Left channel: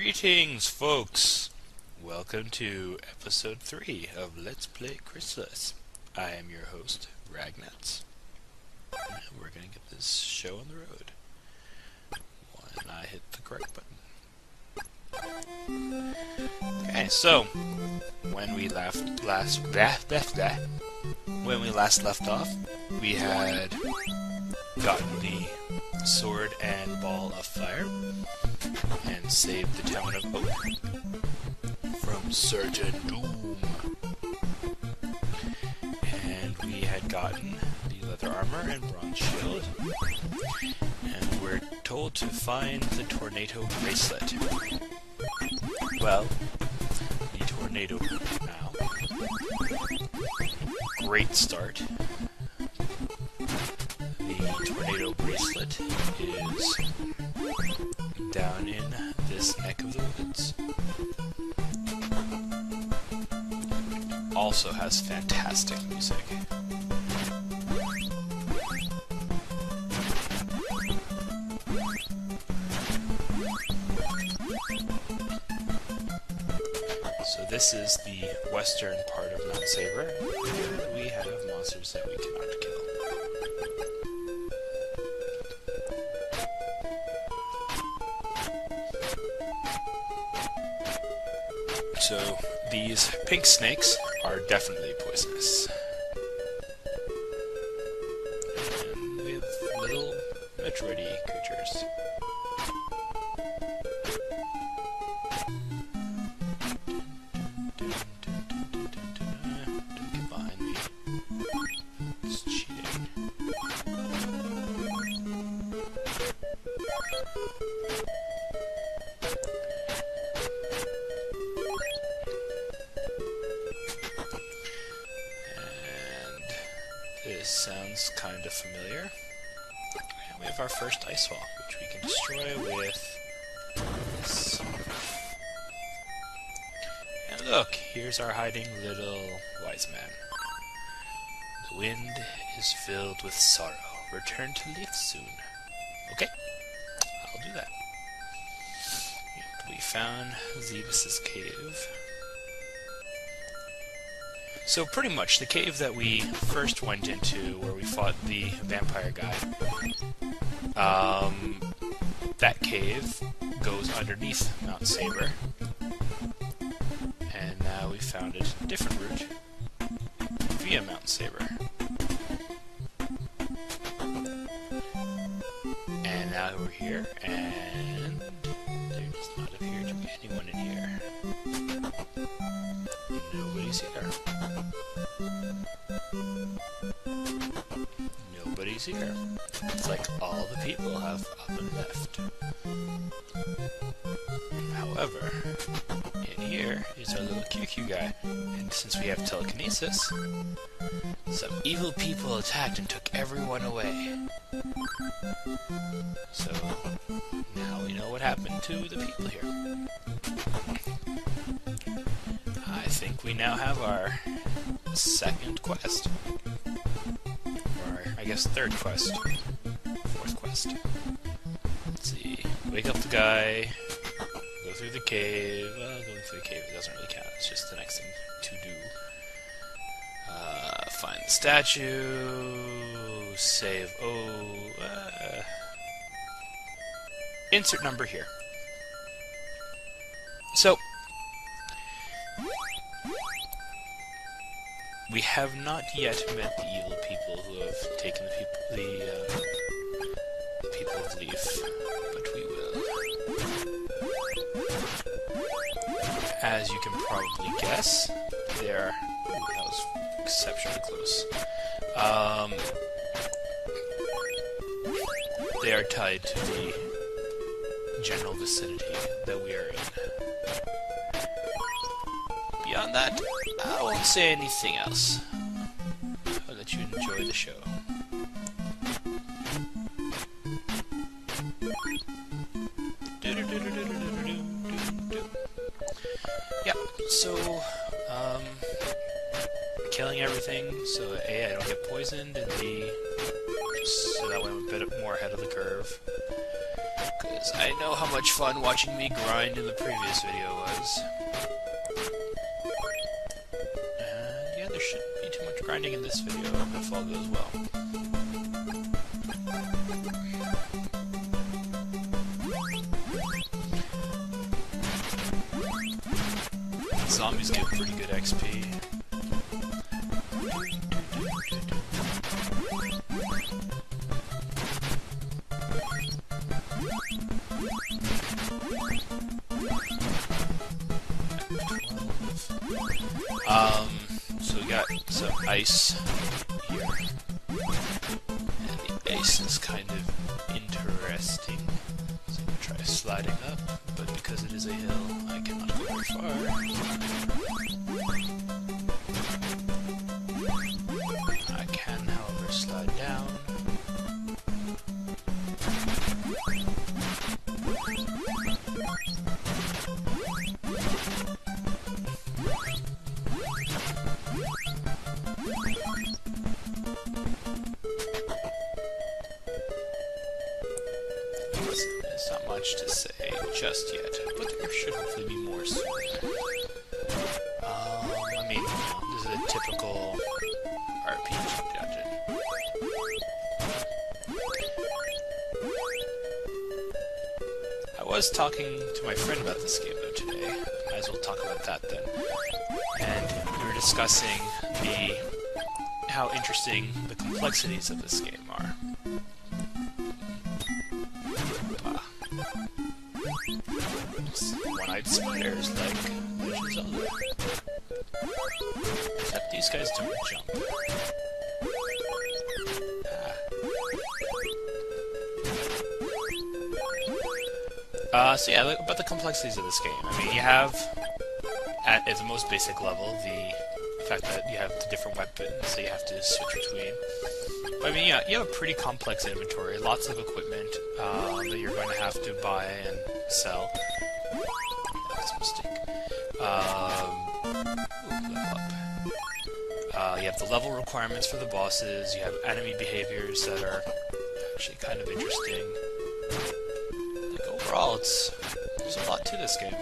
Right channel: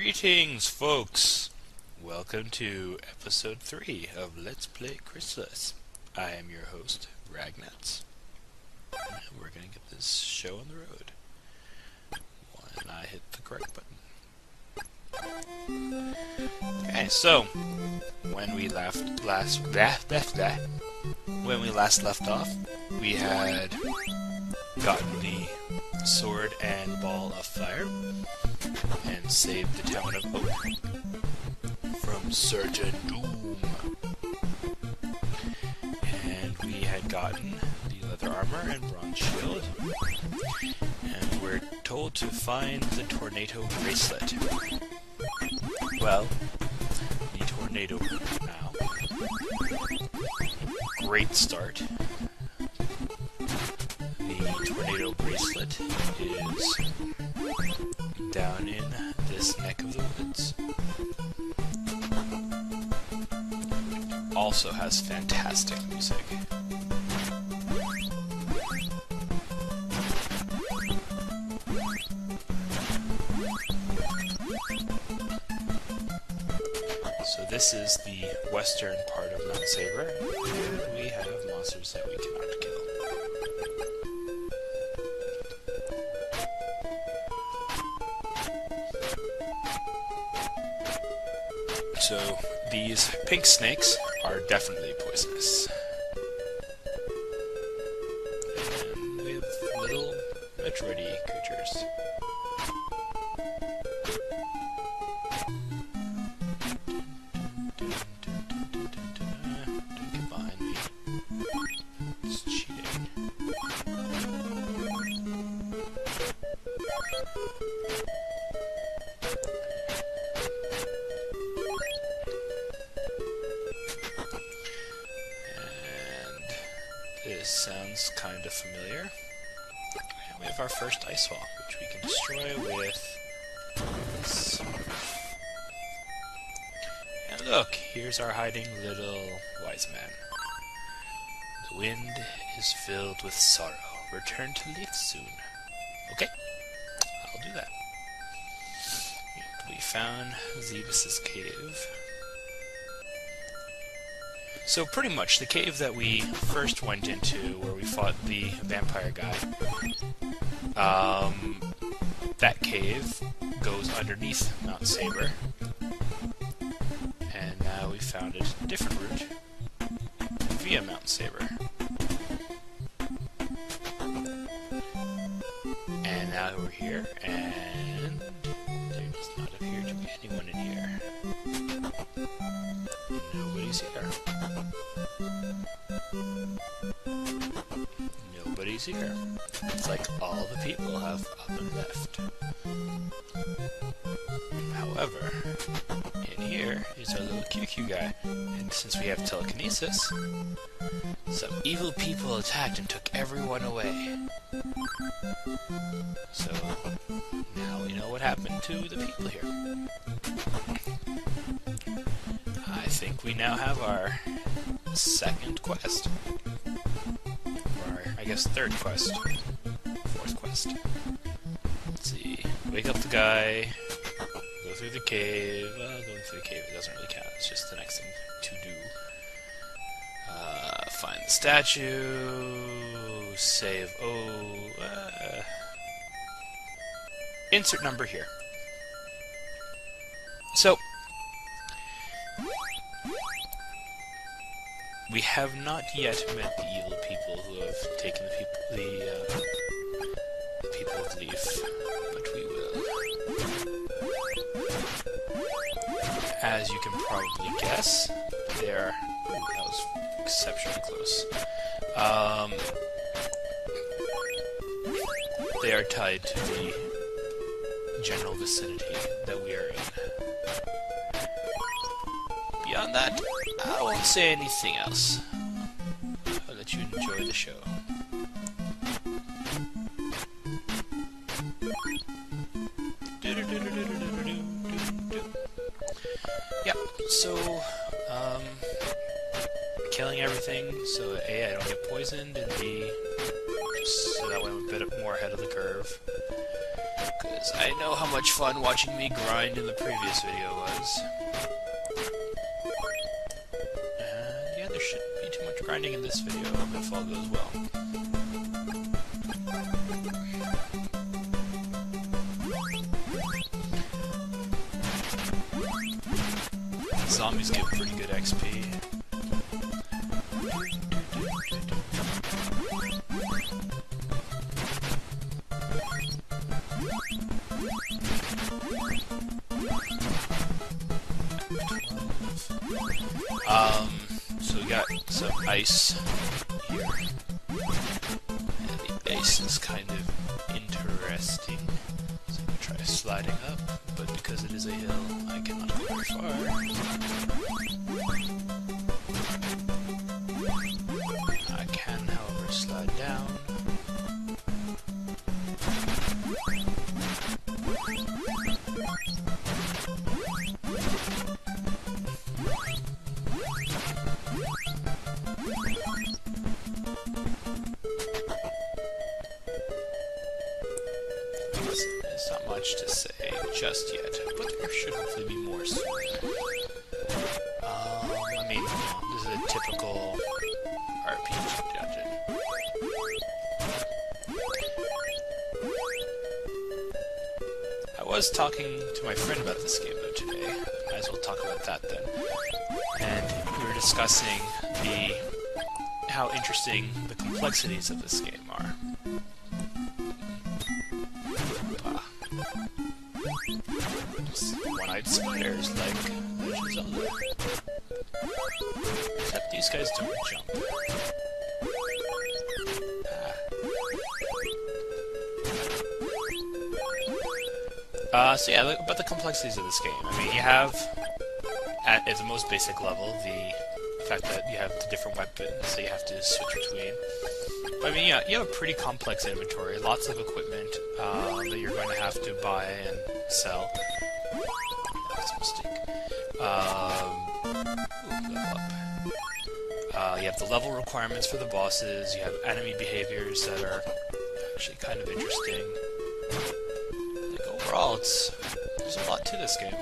Greetings, folks! Welcome to episode 3 of Let's Play Crystalis. I am your host, Ragnuts. And we're gonna get this show on the road. When I hit the correct button. Okay, so when we last left off, we had gotten the sword and ball of fire and saved the town of Oak from certain doom. And we had gotten the leather armor and bronze shield, and we're told to find the tornado bracelet. Well, the tornado now. Great start. The tornado bracelet is down in this neck of the woods. Also has fantastic music. So this is the western part of Mount Saber, and we have monsters that we cannot kill. So these pink snakes are definitely poisonous. And we have little Metroid-y creatures. Don't get behind me. It's cheating. This sounds kind of familiar. And we have our first ice wall, which we can destroy with this. And look, here's our hiding little wise man. The wind is filled with sorrow. Return to Leaf soon. Okay, I'll do that. We found Zebus's cave. So pretty much the cave that we first went into, where we fought the vampire guy, that cave goes underneath Mount Saber, and now we found a different route via Mount Saber. And now we're here, and there does not appear to be anyone in here. Nobody's here. Nobody's here. It's like all the people have up and left. However, in here is our little QQ guy, and since we have telekinesis, some evil people attacked and took everyone away. So, now we know what happened to the people here. I think we now have our second quest. Or, I guess, third quest. Fourth quest. Let's see. Wake up the guy. Go through the cave. Well, going through the cave, it doesn't really count. It's just the next thing to do. Find the statue. Save. Insert number here. So, we have not yet met the evil people who have taken the people of Leaf, but we will. As you can probably guess, they are... Ooh, that was exceptionally close. They are tied to the general vicinity that we are in. Beyond that, I won't say anything else. I'll let you enjoy the show. Yeah, so, killing everything, so A, I don't get poisoned, and B, just so that way I'm a bit more ahead of the curve. Because I know how much fun watching me grind in the previous video was. And yeah, there shouldn't be too much grinding in this video if all goes well. Zombies give pretty good XP. So we got some ice here. And the ice is kind of interesting. So I'm gonna try sliding up, but because it is a hill, I cannot go very far. I can, however, slide down. There's not much to say just yet, but there should hopefully be more soon. I mean, you know, this is a typical RPG dungeon. I was talking to my friend about this game though today. Might as well talk about that then. And we were discussing how interesting the complexities of this game are. One-eyed spiders like Legend of Zelda. Except these guys don't jump. So yeah, about the complexities of this game. I mean, you have, at the most basic level, the fact that you have the different weapons that you have to switch between. But I mean, yeah, you have a pretty complex inventory, lots of equipment that you're going to have to buy and sell. That was a mistake. Level up. You have the level requirements for the bosses, you have enemy behaviors that are actually kind of interesting. Like, overall, there's a lot to this game,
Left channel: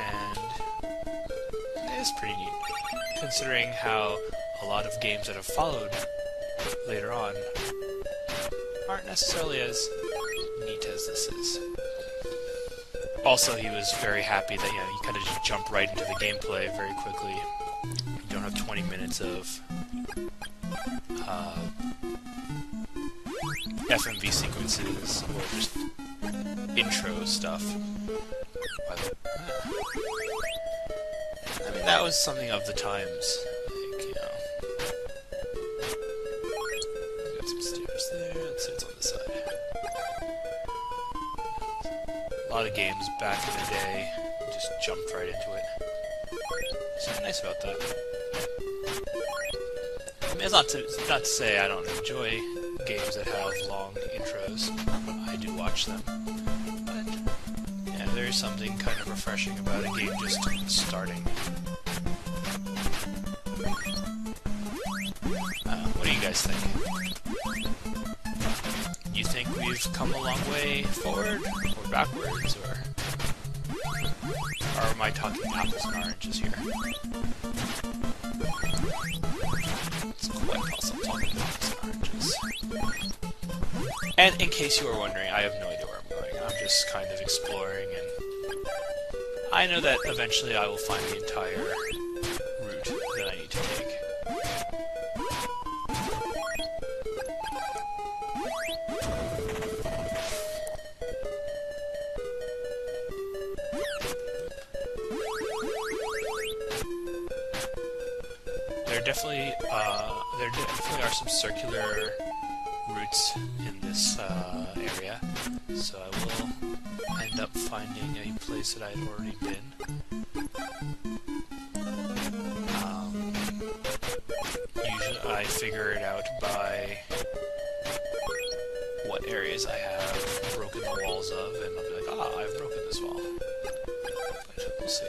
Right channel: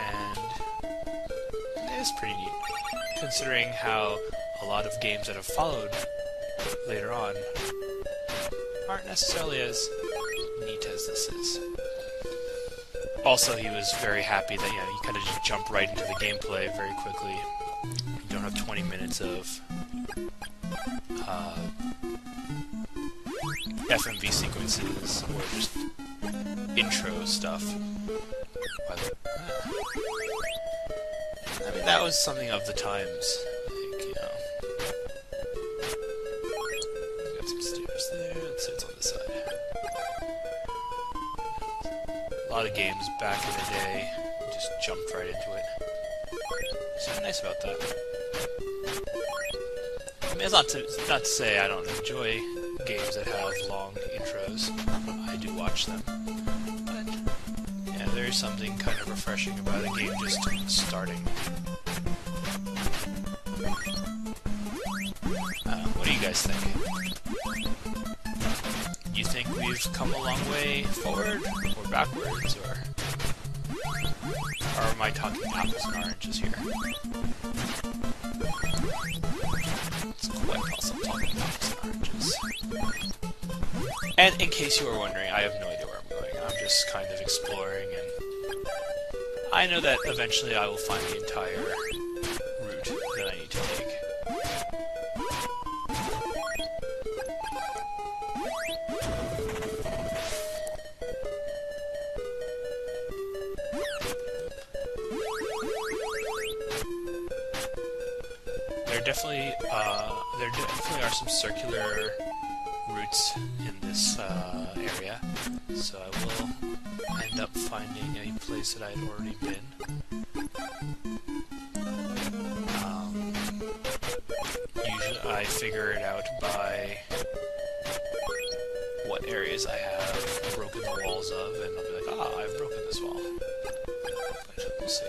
and it is pretty neat, considering how a lot of games that have followed later on aren't necessarily as neat as this is. Also, he was very happy that, you know, you kind of just jump right into the gameplay very quickly. You don't have 20 minutes of FMV sequences or just intro stuff. I mean, that was something of the times. Like, you know. We got some stairs there. Let's see what's on this side. A lot of games back in the day just jumped right into it. Something nice about that. I mean, it's not to say I don't enjoy games that have long intros. I do watch them. But, yeah, there's something kind of refreshing about a game just starting. What do you guys think? You think we've come a long way forward, or backwards, or am I talking apples and oranges here? It's quite possible talking apples and oranges. And in case you are wondering, I have no idea where I'm going. I'm just kind of exploring, and I know that eventually I will find the entire route that I need to take. There definitely are some circular routes in this area, so I will end up finding a place that I had already been. Usually I figure it out by what areas I have broken the walls of, and I'll be like, ah, I've broken this wall. But we'll see.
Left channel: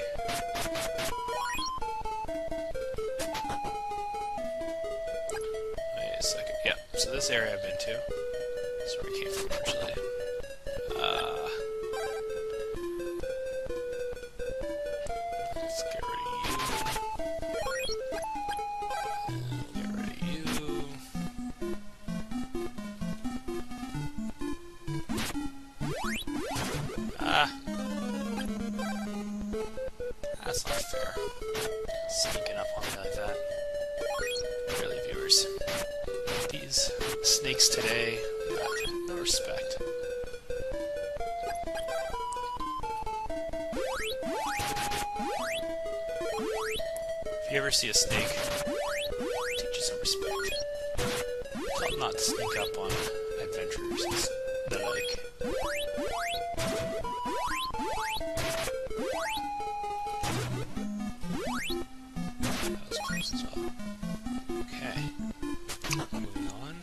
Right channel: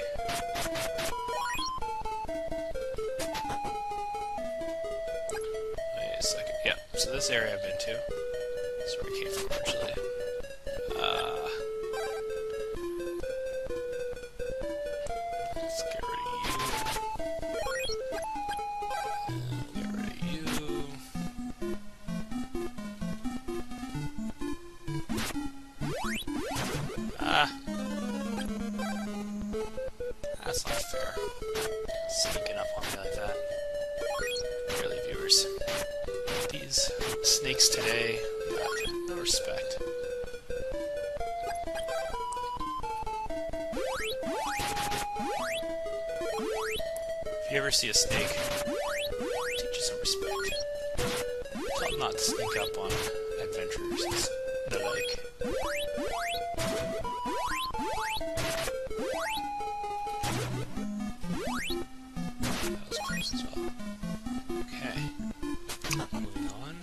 Wait a second. Yeah, so this area I've been to. That's where I came from, actually. fair. Sneaking up on me like that. Really, viewers. These snakes today, God, no respect. If you ever see a snake, teach it some respect. Tell it not to sneak up on adventurers and the like. That was close as well. Okay. Moving on.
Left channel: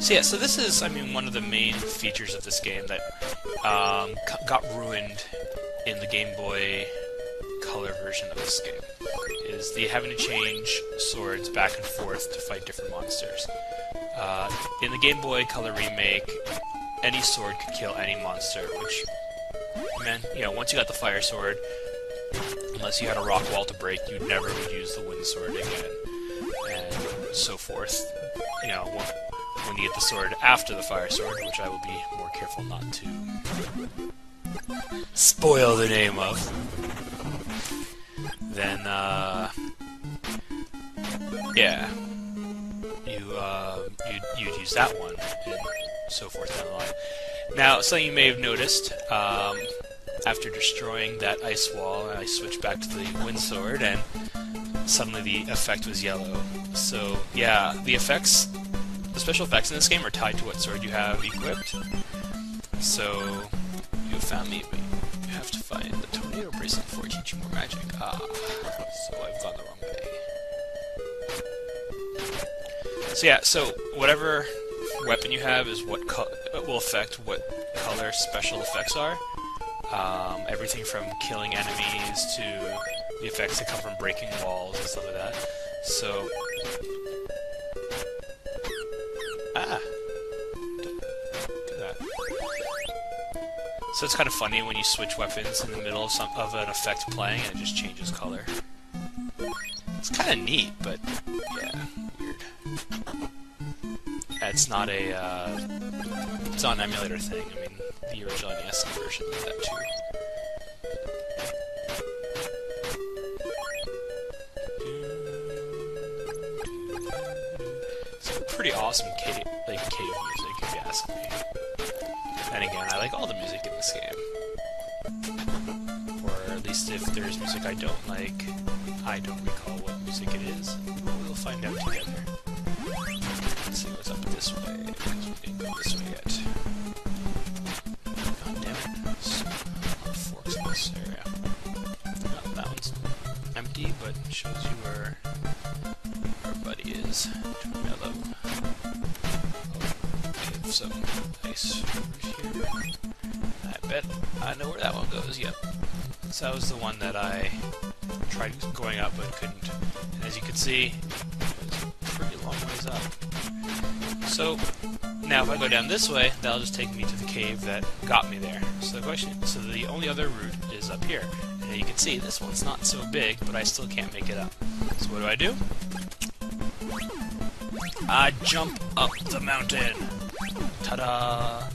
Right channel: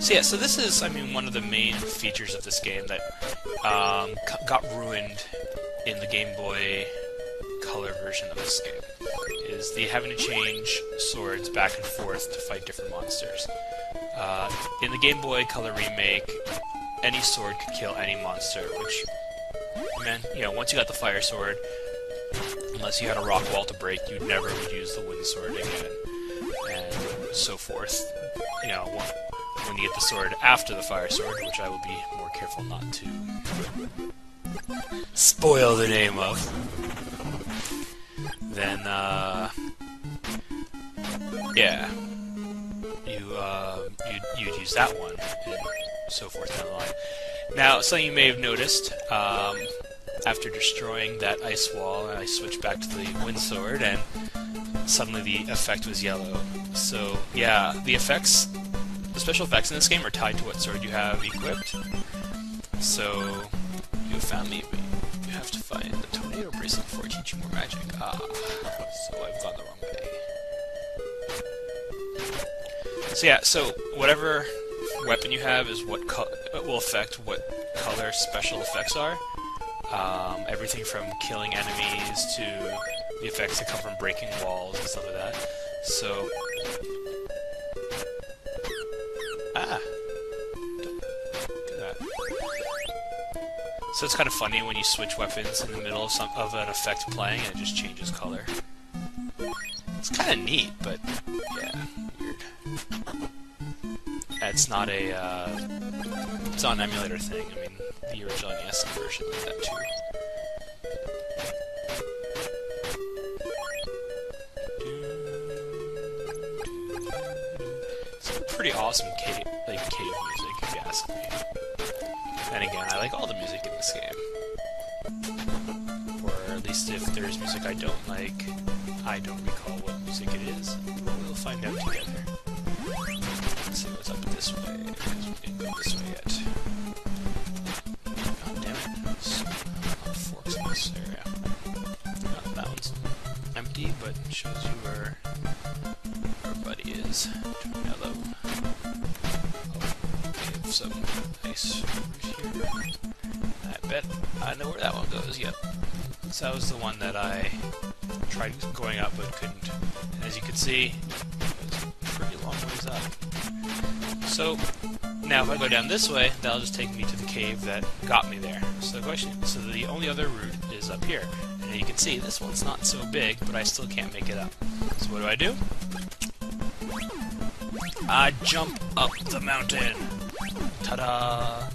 So yeah, so this is, I mean, one of the main features of this game that got ruined in the Game Boy Color version of this game, is the having to change swords back and forth to fight different monsters. In the Game Boy Color remake, any sword could kill any monster, which, man, you know, once you got the fire sword, unless you had a rock wall to break, you never would use the wind sword again, and so forth. You know, when you get the sword after the fire sword, which I will be more careful not to spoil the name of, then, yeah, you'd use that one, and so forth down the line. Now, something you may have noticed, after destroying that ice wall, I switched back to the wind sword, and suddenly the effect was yellow. So, yeah, the special effects in this game are tied to what sword you have equipped. So, you have found me, but you have to find the tornado bracelet before I teach you more magic. Ah, so I've gone the wrong way. So yeah, so whatever weapon you have is what will affect what color special effects are. Everything from killing enemies to the effects that come from breaking walls and stuff like that. So, don't do that. So it's kind of funny when you switch weapons in the middle of an effect playing and it just changes color. It's kind of neat, but yeah, weird. It's not an emulator thing. I mean, the original NES version did that too. It's a pretty awesome cave music, if you ask me. Then again, I like all the music in this game. Or at least if there's music I don't like, I don't recall what music it is, but we'll find out together. Let's see what's up this way, because we didn't go this way yet. God damn it, there's a lot of forks in this area. Oh, that one's empty, but shows you where our buddy is. Hello. Oh, we have some nice fruit here. I bet I know where that one goes, yep. So that was the one that I tried going up but couldn't. And as you can see, it was a pretty long ways up. So, now if I go down this way, that'll just take me to the cave that got me there. So the only other route is up here. And you can see, this one's not so big, but I still can't make it up. So what do? I jump up the mountain! Ta-da!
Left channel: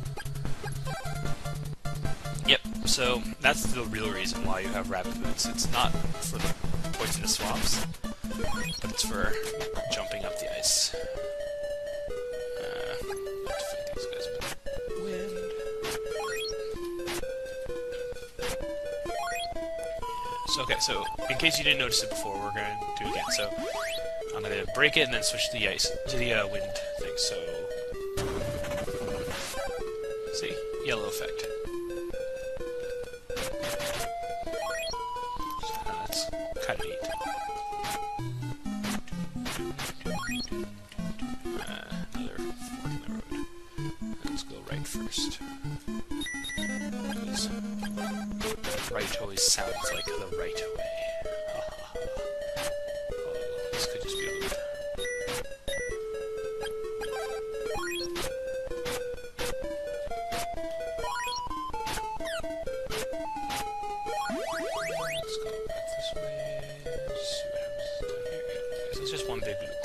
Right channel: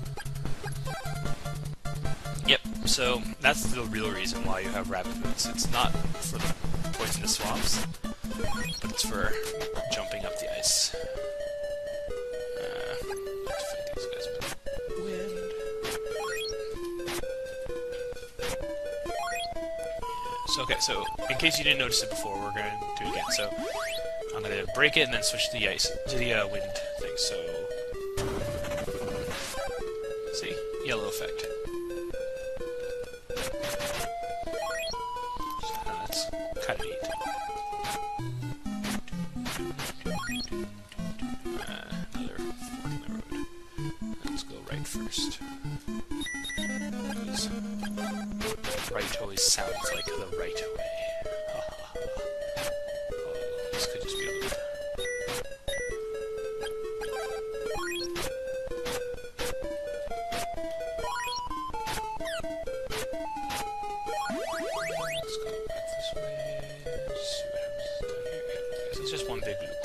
Yep, so that's the real reason why you have rabbit boots. It's not for the poisonous swamps, but it's for jumping up the ice. Let's fight these guys with wind. So, okay, so in case you didn't notice it before, we're going to do it again. So I'm going to break it and then switch to the ice, to the wind thing. So, see, yellow effect. So that's kind of neat. Another fork in the road. Let's go right first. Because right always sounds like the right way. Oh, this could just be a loop. Let's go back this way. See what happens down here. Yeah, okay, so it's just one big loop.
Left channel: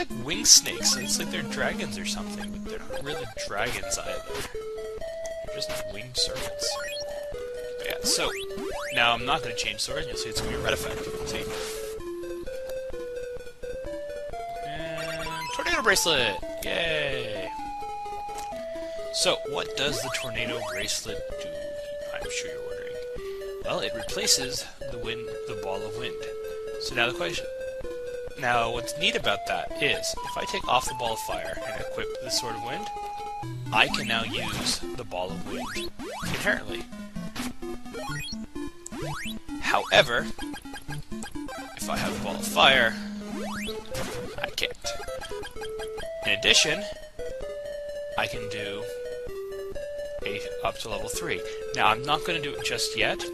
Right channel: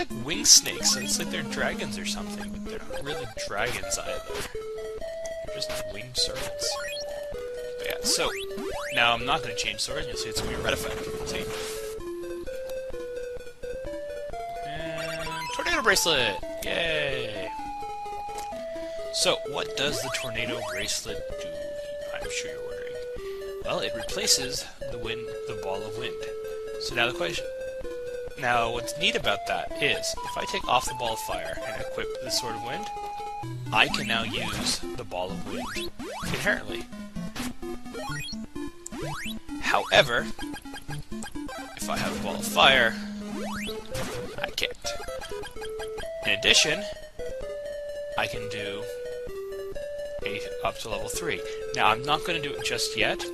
like wing snakes. It's like they're dragons or something, but they're not really dragons either. They're just winged serpents. But yeah, so now I'm not going to change sword, and you'll see it's going to be a red effect. See? And tornado bracelet! Yay! So, what does the tornado bracelet do? I'm sure you're wondering. Well, it replaces the ball of wind. So now the question. Now, what's neat about that is, if I take off the ball of fire and equip the Sword of Wind, I can now use the ball of wind inherently. However, if I have a ball of fire, I can't. In addition, I can do up to level 3. Now, I'm not going to do it just yet,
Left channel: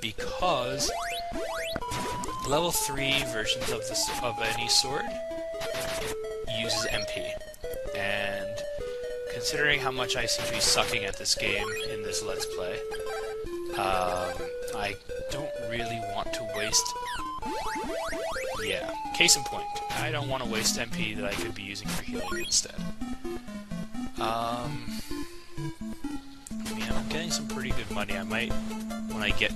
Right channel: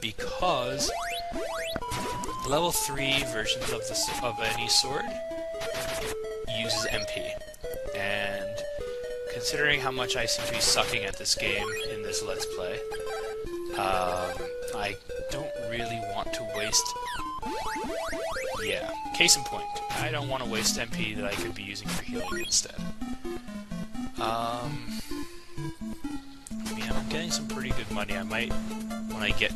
because level 3 versions of any sword uses MP. And considering how much I seem to be sucking at this game in this Let's Play, I don't really want to waste... Yeah, case in point, I don't want to waste MP that I could be using for healing instead. I mean, I'm getting some pretty good money. I might, when I get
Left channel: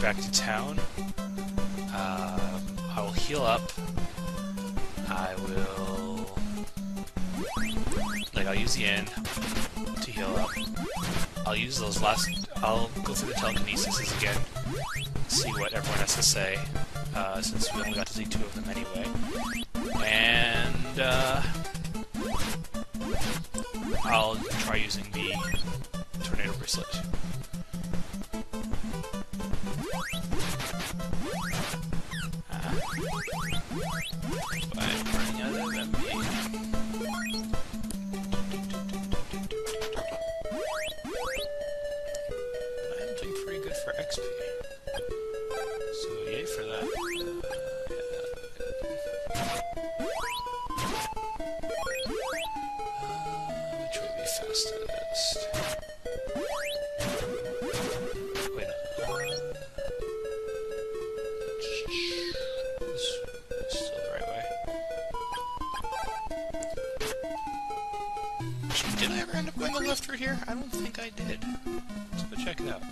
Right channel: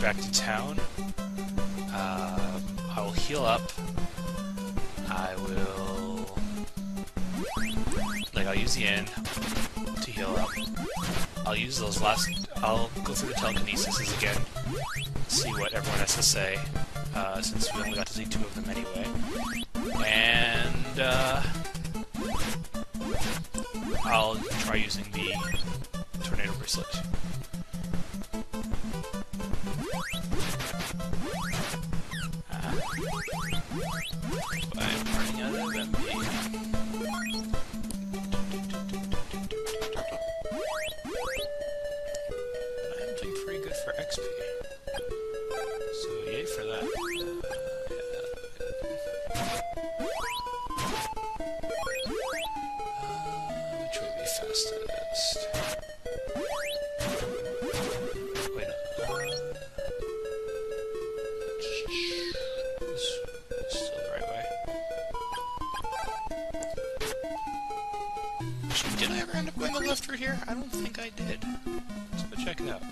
back to town, I will heal up. I will... I'll use the inn to heal up. I'll use those I'll go through the telekinesis again, see what everyone has to say, since we only got to see 2 of them anyway. And, I'll try using the tornado bracelet. But I'm running out of MP. But I am doing pretty good for XP. So yay for that. Which way would be fastest? Wait, no. This is still the right way. Actually, did I ever end up going the left route here? I don't think I did. Let's go check it out.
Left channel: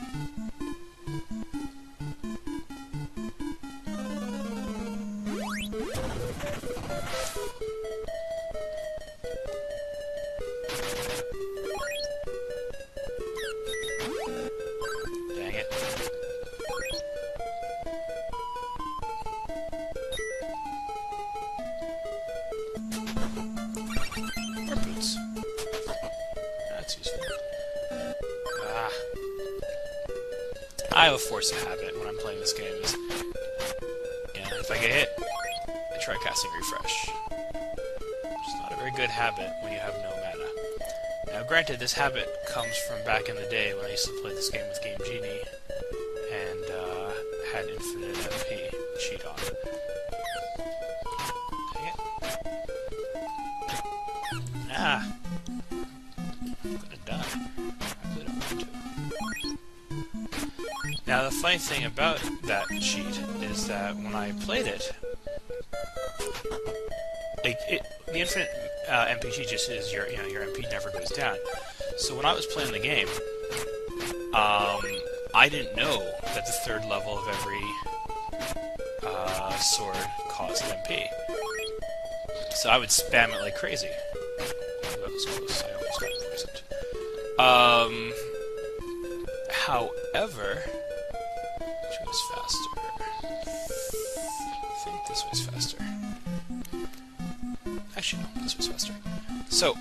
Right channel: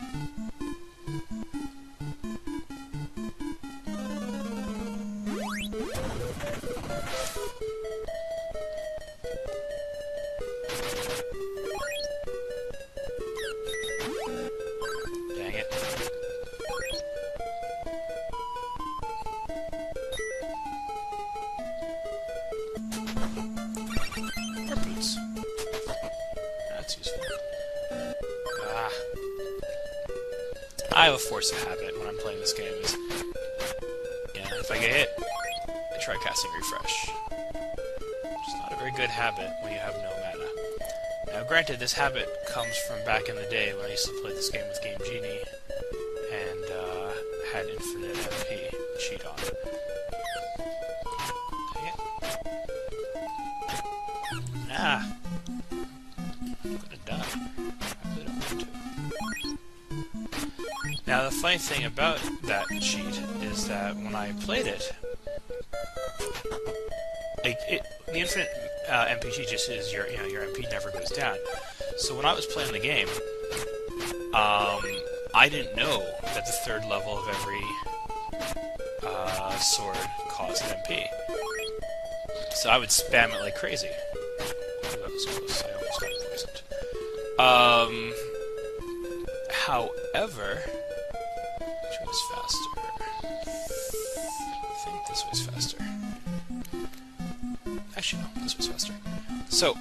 Dang it. More boots. That's useful. Ah. I have a force of habit when I'm playing this game is, if I get hit, I try casting refresh. It's not a very good habit when you have no mana. Now granted, this habit comes from back in the day when I used to play this game with Game Genie and had infinite MP cheat on. Dang it. Ah! I'm gonna die. I really don't want to. Now the funny thing about that cheat is that when I played it, the infinite MP cheat just is your MP never goes down. So when I was playing the game, I didn't know that the 3rd level of every sword cost MP. So I would spam it like crazy. Ooh, that was close. I almost got poisoned. However, which was faster? I think this was faster. Actually, no, this was faster. So,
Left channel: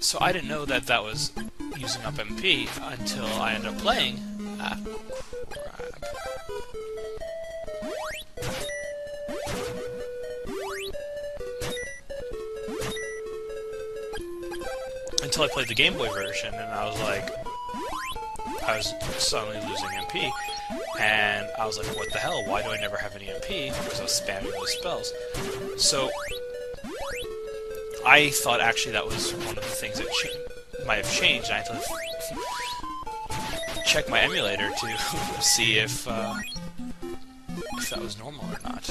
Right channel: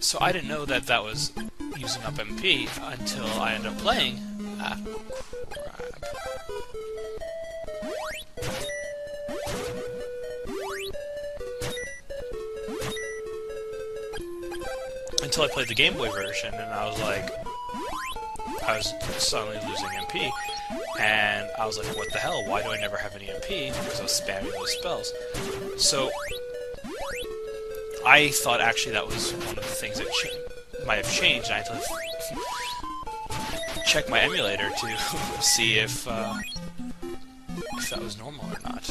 so I didn't know that that was using up MP until I ended up playing. Ah, crap. Until I played the Game Boy version, and I was like, I was suddenly losing MP, and I was like, what the hell? Why do I never have any MP? Because I was spamming those spells. So I thought actually that was one of the things that might have changed, and I had to check my emulator to see if that was normal or not.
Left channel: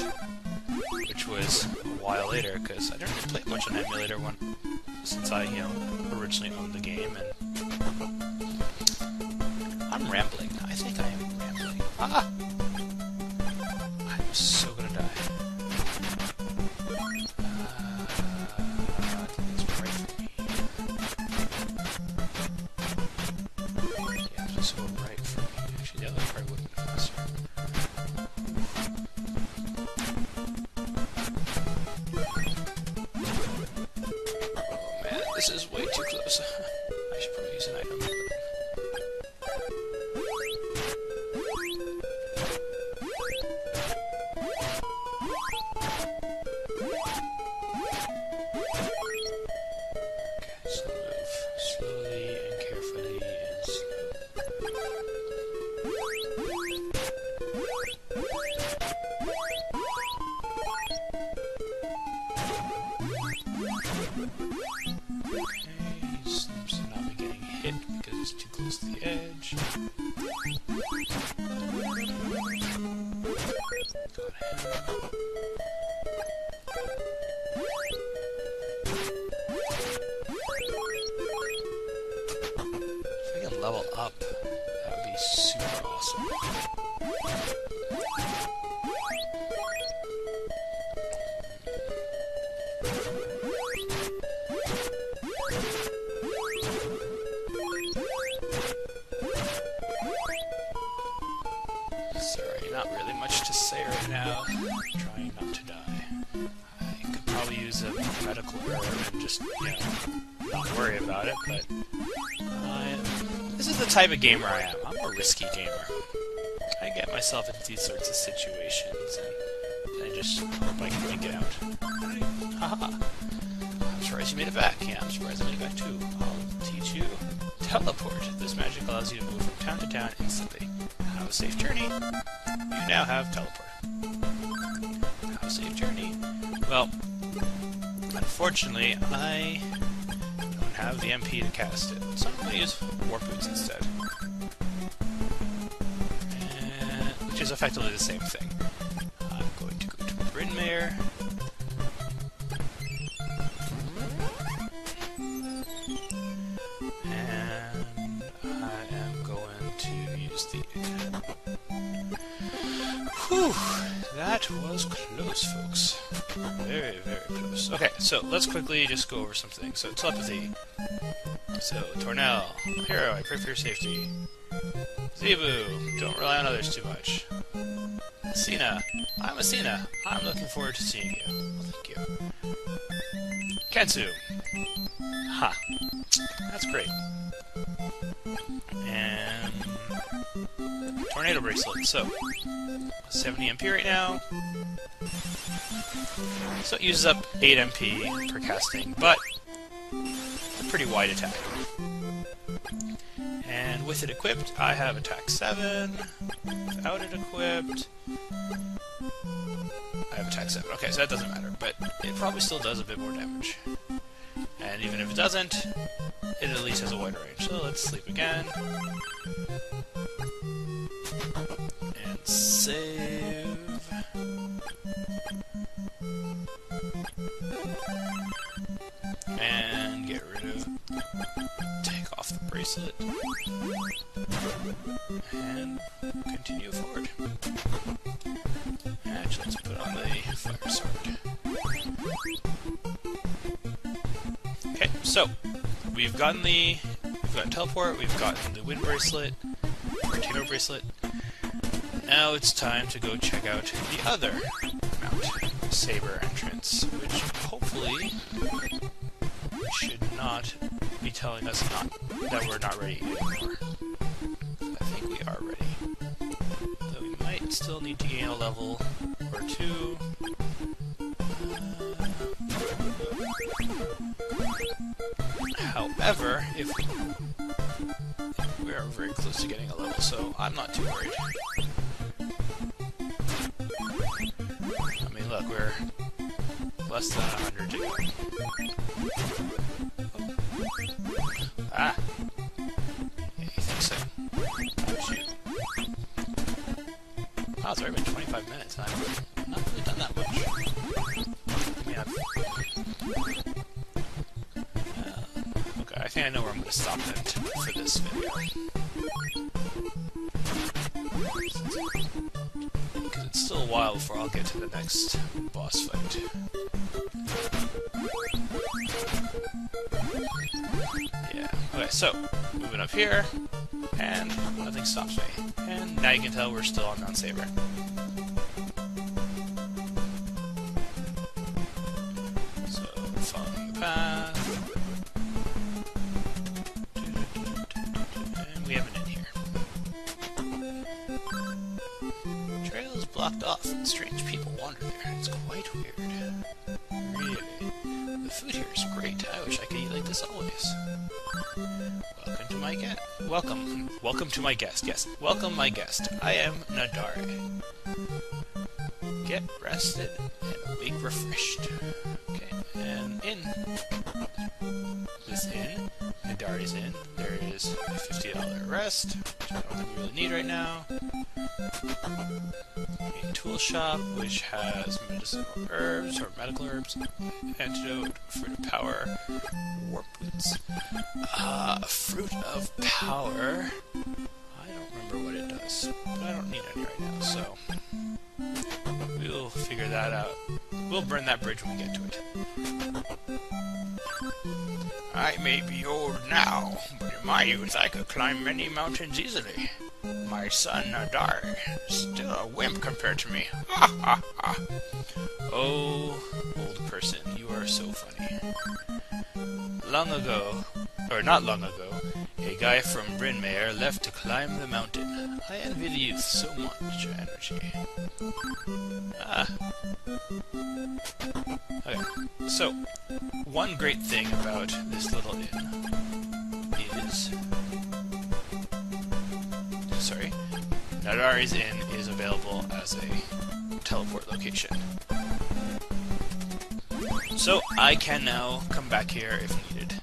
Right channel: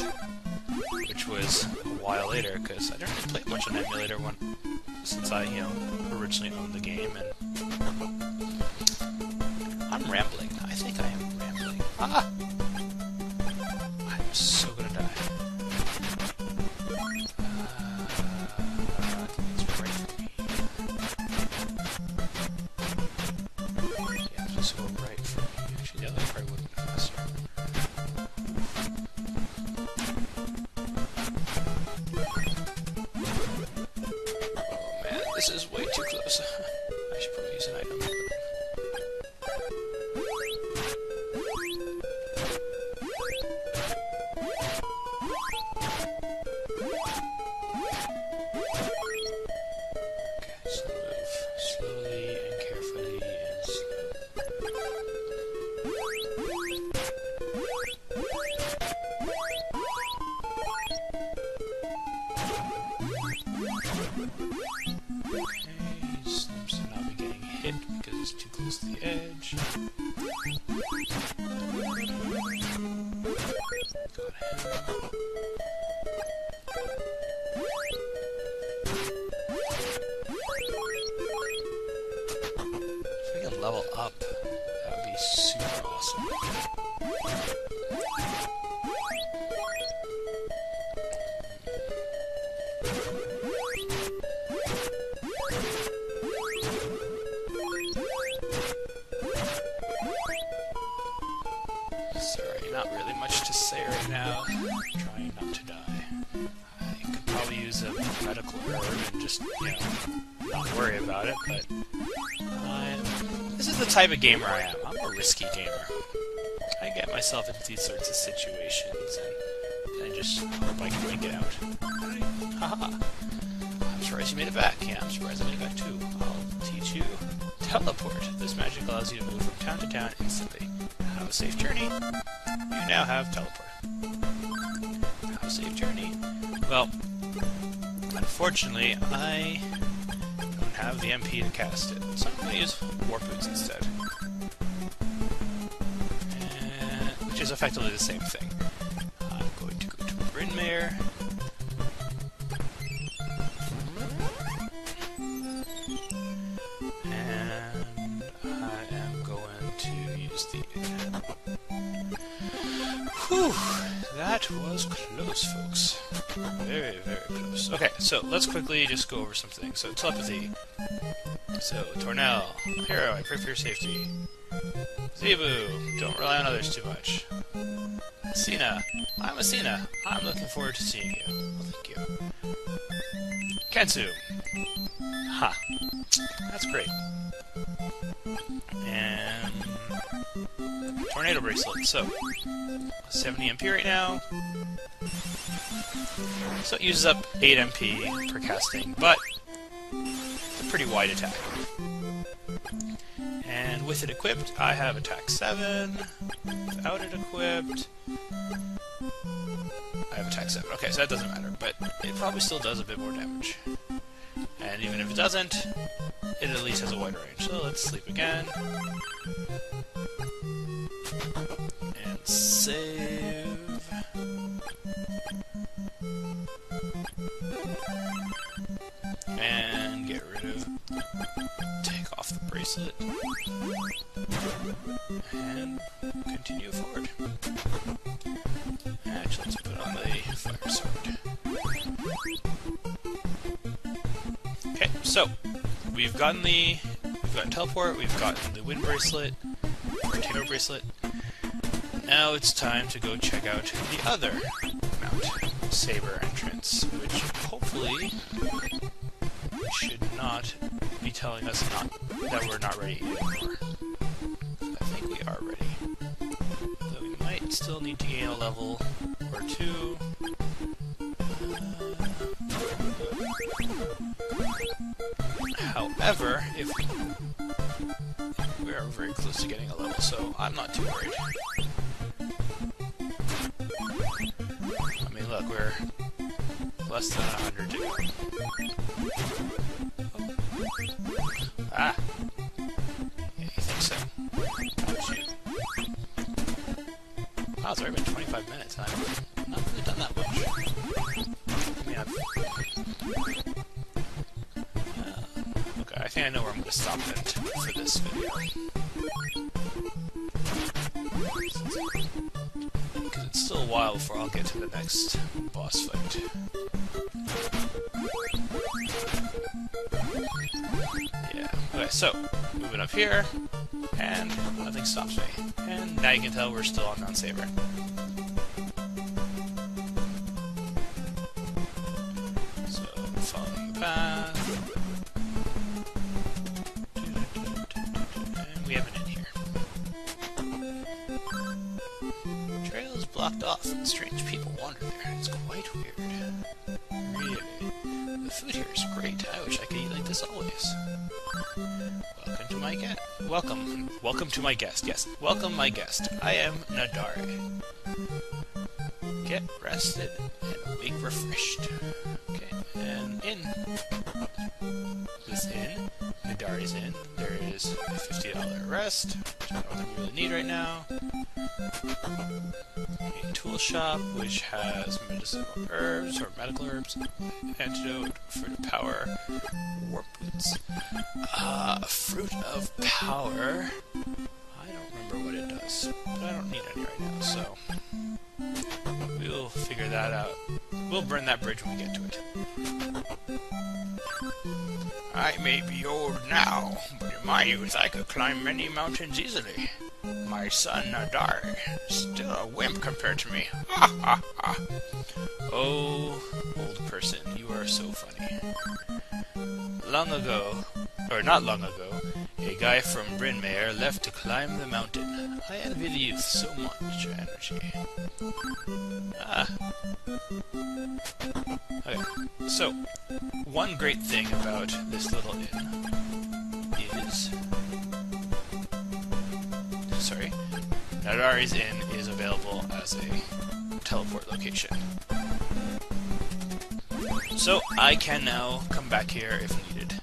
Which which was a while later, because I didn't really play much on emulator since I, originally owned the game, and I'm rambling. I think I am rambling. Ah! I'm so gonna die. I think it's right for me here. Yeah, I'm supposed to go right for me. Actually, the other part would have been faster. Oh man, this is way too close. I should probably use an item. Because he's too close to the edge. Got him. If we can level up, that would be super awesome. Not really much to say right now. I'm trying not to die. I could probably use a medical herb and just, not worry about it, but this is the type of gamer I am. I'm a risky gamer. I get myself into these sorts of situations and I just hope I can make it out. Haha! I'm surprised you made it back. Yeah, I'm surprised I made it back too. I'll teach you teleport. This magic allows you to move from town to town instantly. Have a safe journey. You now have teleport. Have a safe journey. Well, unfortunately, I don't have the MP to cast it, so I'm going to use Warp Boots instead. Which is effectively the same thing. I'm going to go to Bryn Mawr. And I am going to use the... Whew, that was close, folks. Very, very close. Okay, so let's quickly just go over some things. So, telepathy. So, Tornell, hero, I pray for your safety. Zebu, don't rely on others too much. Cena, I'm Cena. I'm looking forward to seeing you. Well, thank you. Kensu. Ha. That's great. And... Tornado Bracelet. So, 70 MP right now. So it uses up 8 MP per casting, but it's a pretty wide attack. And with it equipped, I have attack 7. Without it equipped, I have attack 7. Okay, so that doesn't matter, but it probably still does a bit more damage. And even if it doesn't, it at least has a wider range. So let's sleep again. And save. And get rid of... Take off the bracelet. And continue forward. Actually, let's put on the fire sword. Okay, so we've gotten teleport, we've gotten the wind bracelet, or tornado bracelet. Now it's time to go check out the other Mount Saber entrance, which hopefully should not be telling us that we're not ready anymore. I think we are ready. Though we might still need to gain a level or two. However, if we are very close to getting a level, so I'm not too worried. I mean, look, we're less than 100 to go. Oh. Ah! Yeah, you think so? Not you. Wow, it's already been 25 minutes, and I've not really done that much. Yeah. Okay, I think I know where I'm going to stop then for this video. Because it's still a while before I'll get to the next boss fight. Yeah. Okay, so moving up here, and nothing stops me. And now you can tell we're still on Mount Saber. So, following the path. And we have an inn here. Trail is blocked off, and strange people wander there. It's quite weird. Really. The food here is great. I wish I could eat like this always. Welcome to my guest. Welcome to my guest. Yes, welcome my guest. I am Nadare. Get rested and awake refreshed. Okay, and in this inn, Nadare's inn, there is a $50 rest, which I don't think we really need right now. A tool shop, which has medicinal herbs, or medical herbs, antidote, fruit of power, warp boots. Fruit of power, I don't remember what it does, but I don't need any right now, so we'll figure that out. We'll burn that bridge when we get to it. I may be old now, but in my youth I could climb many mountains easily. My son Nadar is still a wimp compared to me. Ha ha ha. Oh, old person, you are so funny. Long ago, or not long ago, a guy from Bryn Mawr left to climb the mountain. I envy the youth, so much energy. Okay, so, one great thing about this little inn is... Sorry, Nadare's Inn is available as a teleport location. So, I can now come back here if needed.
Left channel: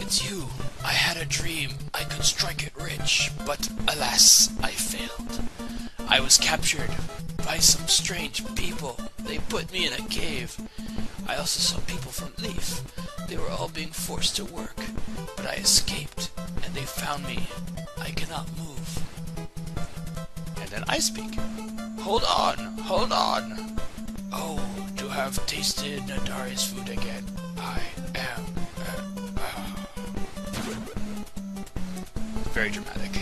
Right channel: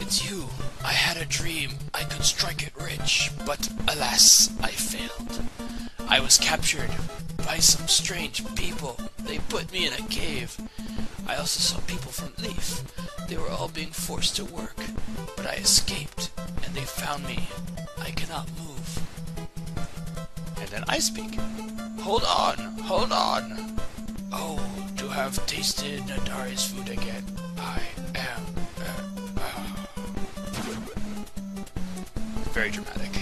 It's you. I had a dream. I could strike it rich, but alas, I failed. I was captured by some strange people. They put me in a cave. I also saw people from Leaf. They were all being forced to work, but I escaped, and they found me. I cannot move. And then I speak. Hold on, hold on. Oh, to have tasted Nadare's food again. I am... Very dramatic.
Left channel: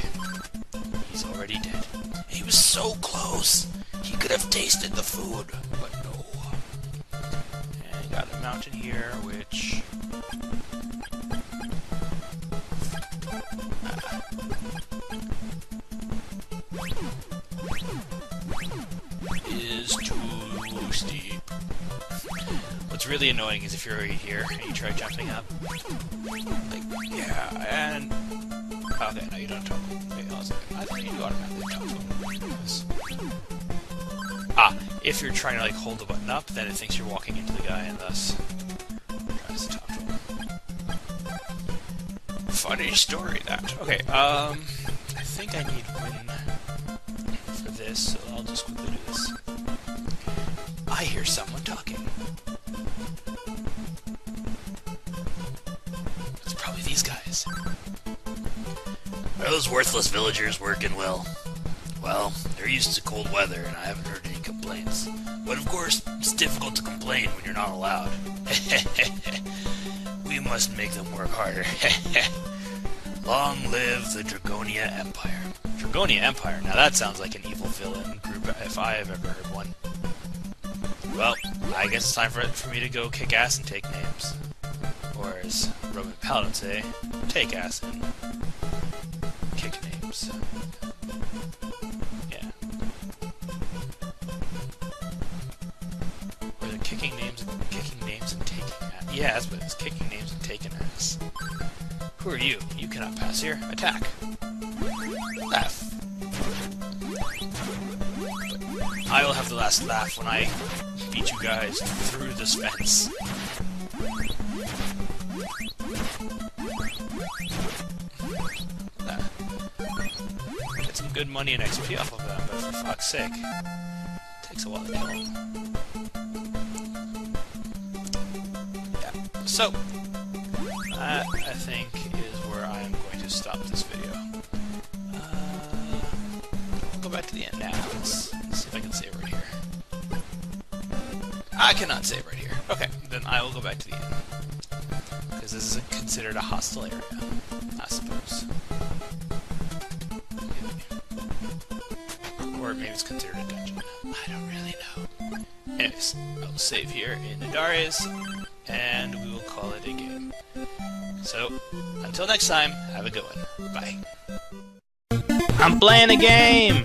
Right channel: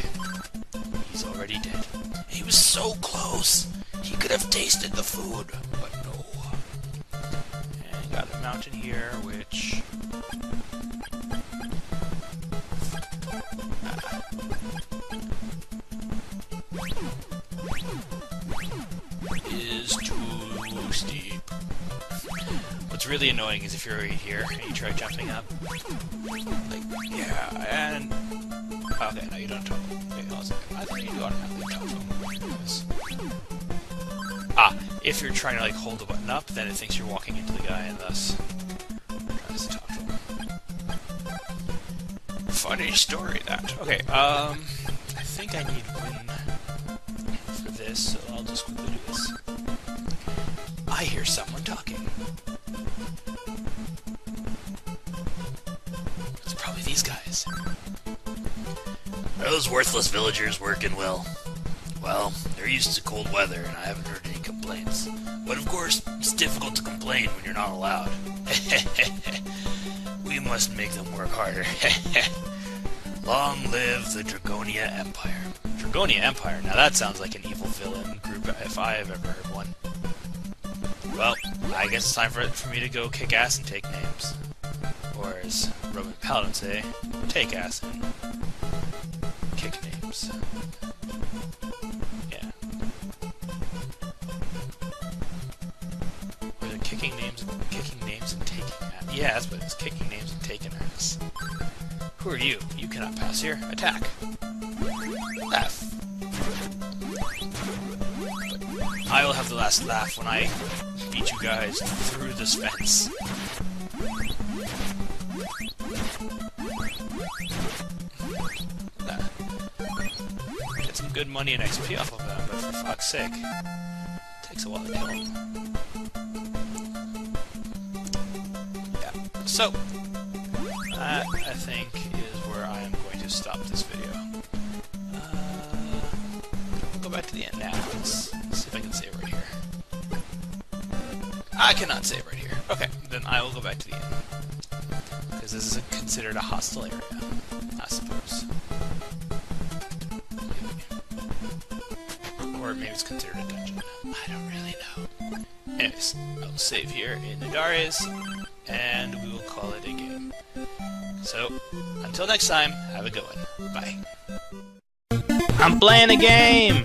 He's already dead. He was so close. He could have tasted the food, but no. And got a mountain here, which... is too steep. What's really annoying is if you're already here and you try jumping up. Like, yeah, and... Okay, no, you don't toggle. Wait, hold on a second. I thought you do automatically toggle. Yes. If you're trying to, like, hold the button up, then it thinks you're walking into the guy and thus tries to talk to him. Funny story, that. Okay, I think I need win for this, so I'll just quickly do this. I hear someone talking. It's probably these guys. Are those worthless villagers working well? Well, they're used to cold weather, and I haven't heard any complaints. But of course, it's difficult to complain when you're not allowed. We must make them work harder. Long live the Dragonia Empire. Dragonia Empire? Now that sounds like an evil villain group if I have ever heard one. Well, I guess it's time for me to go kick ass and take names. Or as Roman Paladins say, take ass and kick names. Yeah. Or they're kicking names and taking ass. Yeah, that's what it is. Kicking names and taking ass. Who are you? You cannot pass here. Attack. Laugh. But I will have the last laugh when I beat you guys through this fence. Get some good money and XP off of them, but for fuck's sake, it takes a while to kill them. So, that, I think, is where I am going to stop this video. I'll go back to the end now. Let's see if I can save right here. I cannot save right here. Okay, then I will go back to the end. Because this is considered a hostile area, I suppose. Or maybe it's considered a dungeon. I don't really know. Anyways, I will save here in Nadares, and we will call it a game. So, until next time, have a good one. Bye. I'm playing a game!